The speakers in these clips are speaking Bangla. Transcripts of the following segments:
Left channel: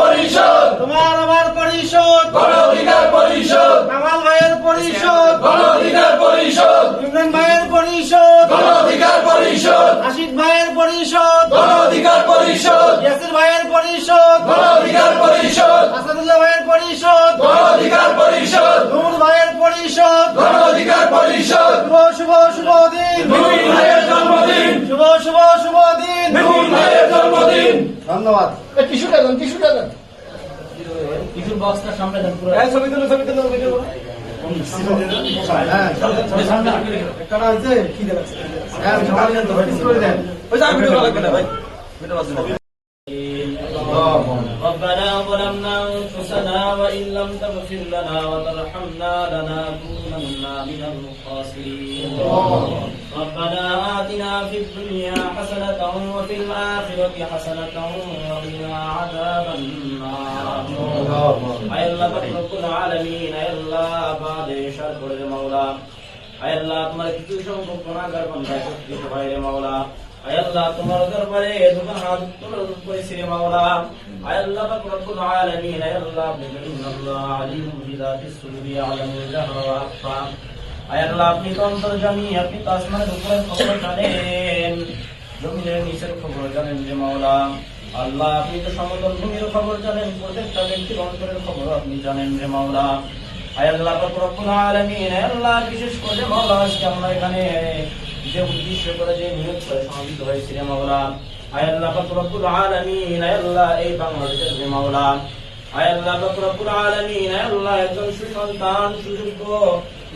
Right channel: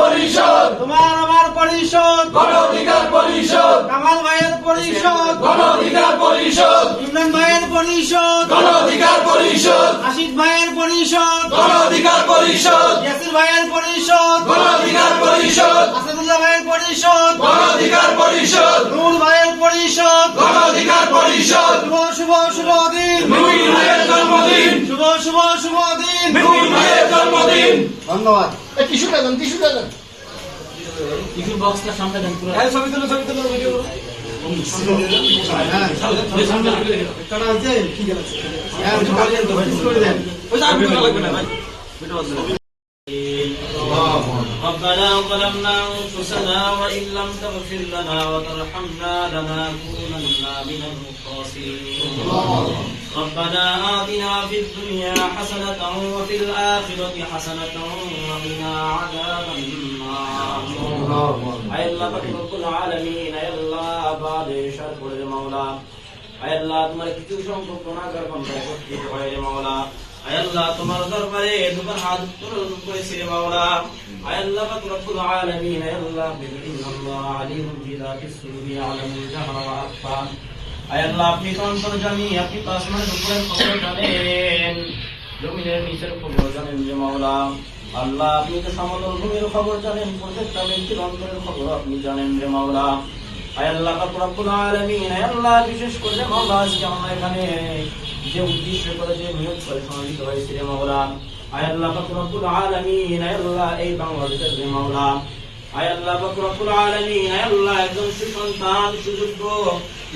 পরিষদ তোমার আমার পরিষদ গণ অধিকার পরিষদ কামাল ভাইয়ের পরিষদ গণ অধিকার পরিষদ ইমরান ভাইয়ের পরিষদ গণ অধিকার পরিষদ রাশিদ ভাইয়ের পরিষদ গণ অধিকার পরিষদ ইয়াসির ভাইয়ের পরিষদ। গণ অধিকার পরিষদ। আসাদুল্লাহ ভাইয়ের পরিষদ। গণ অধিকার পরিষদ। নূর ভাইয়ের পরিষদ। গণ অধিকার পরিষদ। শুভ শুভ শুভ দিন। ভাইয়ের জন্মদিন। শুভ শুভ শুভ দিন। ভাইয়ের জন্মদিন। ধন্যবাদ। টিস্যুটা দেন টিস্যুটা দেন। টিস্যুর বক্সটা সামনে দেন পুরো। ছবি তুলো ছবি তুলো ভিডিও হ্যাঁ। ওই সামনে কাটা আছে? কি দেন হ্যাঁ দেন। ওই ربنا ظلمنا أنفسنا وإن لم تغفر لنا وترحمنا لنكونن من الخاسرين ربنا آتنا في الدنيا حسنة وفي الآخرة حسنة وقنا عذاب النار. أيلا رب العالمين اي الله بعد شر المولى. مولى تملك شوق قناة قربا بشكرك غير مولى কিছু সংখ্যক গুনাহগার বান্দা করতে পারে রে মাওলা আয় আল্লাহ তোমার দরবারে দুবার হাত উত্তোলন করেছি রে মাওলা। আয় আল্লাহ পাক রব্বুল আলামিন আয় আল্লাহ ইন্নাল্লাহ আলিমুন বিযাতিস সুদুরি আলামুল জাহরা ওয়া আখফা আয় আপনি তো অন্তর্জামী আপনি তো আসমানের উপরের খবর জানেন। জমিনের নিচের খবর জানেন যে মাওলা। আল্লাহ, আপনি তো সমতল ভূমির খবর জানেন, প্রত্যেকটা ব্যক্তির অন্তরের খবর আপনি জানেন রে মাওলা। আয় আল্লাহ পাক রব্বুল আলামিন আয় আল্লাহ বিশেষ করে মাওলা, আজকে আমরা এখানে যে উদ্দেশ্য করে যে নিয়োগ করে সমাবেত হয়েছে রে মাওলা। আয় আল্লাহ পাক রব্বুল আলামিন, আয় আল্লাহ এই বাংলাদেশের যে মাওলা। আয় আল্লাহ পাক রব্বুল আলামিন, আয় আল্লাহ একজন সুসন্তান, সুযোগ্য,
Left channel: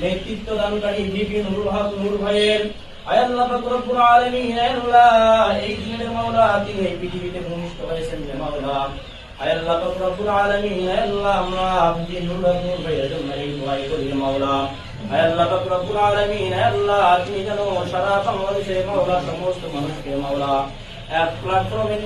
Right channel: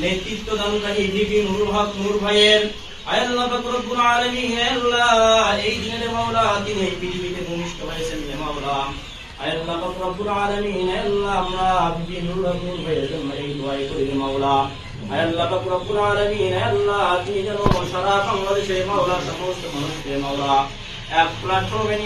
নেতৃত্ব দানকারী ডিবি নুরুল হক নূর ভাইয়ের। আয় আল্লাহ পাক আলামিন, আয় আল্লাহ এই দিনের মাওলা, তিনি পৃথিবীতে ভূমিষ্ঠ হয়েছেন মাওলা। আয় আল্লাহ পাক আলামিন, আয় আমরা ডিবি নুরুল হক নূর ভাইয়ের জন্য এই দোয়াই করি মাওলা। আল্লাহ রব্বুল আলামিন আল্লাহ তুমি যেন সারা বাংলাদেশে মাওলা সমস্ত মানুষকে মাওলা। প্ল্যাটফর্মে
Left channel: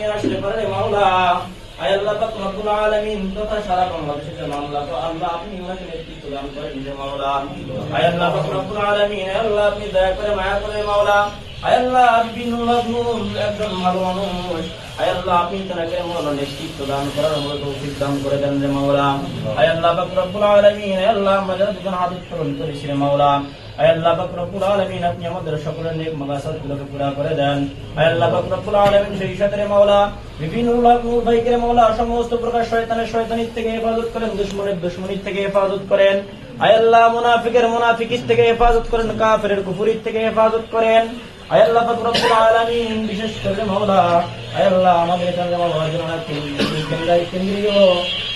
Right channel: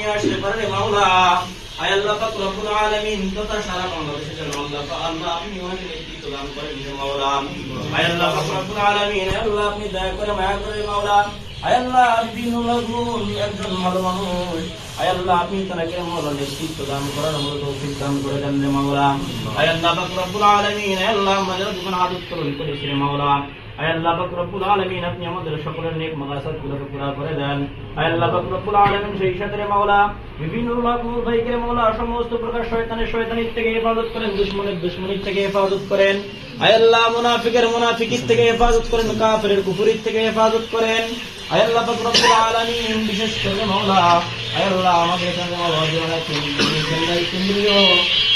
আপনি দয়া করে মায়া করে মাওলা। আয় আল্লাহ একজন ভালো মানুষ। আয় আপনি তাকে মাওলা নেতৃত্ব দান করার মতো তৌফিক দান করে দেন রে মাওলা। আয় আল্লাহ, পাক আল্লাহ আমাদের দুজন হাদিস কবুল মাওলা। আল্লাহ পাক রব্বুল আলামিন, আপনি আমাদের সকলের নেক মাদ্রাসাত গুলোকে পুরা করে দেন। আল্লাহ পাক রব্বুল আলামিন, সেই সাথে মাওলা, বিভিন্ন লাভ ভাইকে মাওলা, সমস্ত প্রকার শয়তানের শয়তানির থেকে হেফাজত করেন, দুশ্মনের দুশ্মনির থেকে হেফাজত করেন। আয় আল্লাহ মুনাফিকের মুনাফিকিস থেকে হেফাজত করেন, কাফেরের কুফুরির থেকে হেফাজত করেন। আয় আল্লাহ পাক রব্বুল আলামিন, বিশেষ করে মাওলা, আয় আল্লাহ আমাদের এখানে মাওলা জীবনে কেন্দ্রীয় কেন্দ্রীয়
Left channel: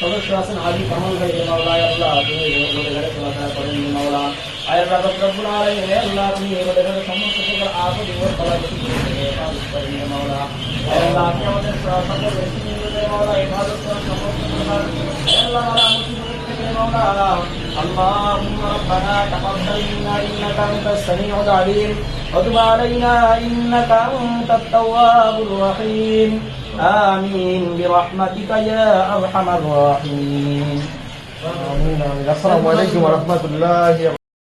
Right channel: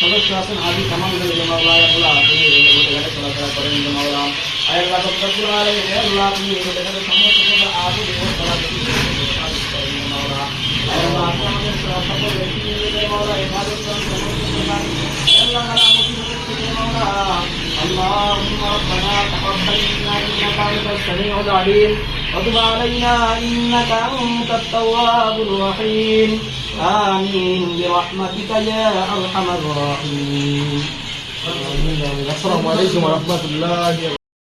সদস্য আছেন, হাজি কামাল ভাই যে মাওলা, আয় আল্লাহ, তিনি এখানে চলাফেরা করেন যে মাওলা। আয় আল্লাহ পাক রব্বুল আলামিন, আয় আল্লাহ, আপনি এখানে সমস্ত প্রকার এবং তালা হেফাজত করেন মাওলা। আয় আল্লাহ, আপনি আমাদের সকল ব্যক্তিদের মাওলা হেফাজত করেন, সমস্ত প্রকার আয় مولانا اللهم ربنا تقبل منا انك انت السميع العليم وتب علينا انك انت التواب الرحيم امين برحمتك يا ارحم الراحمين السلام عليكم ورحمه الله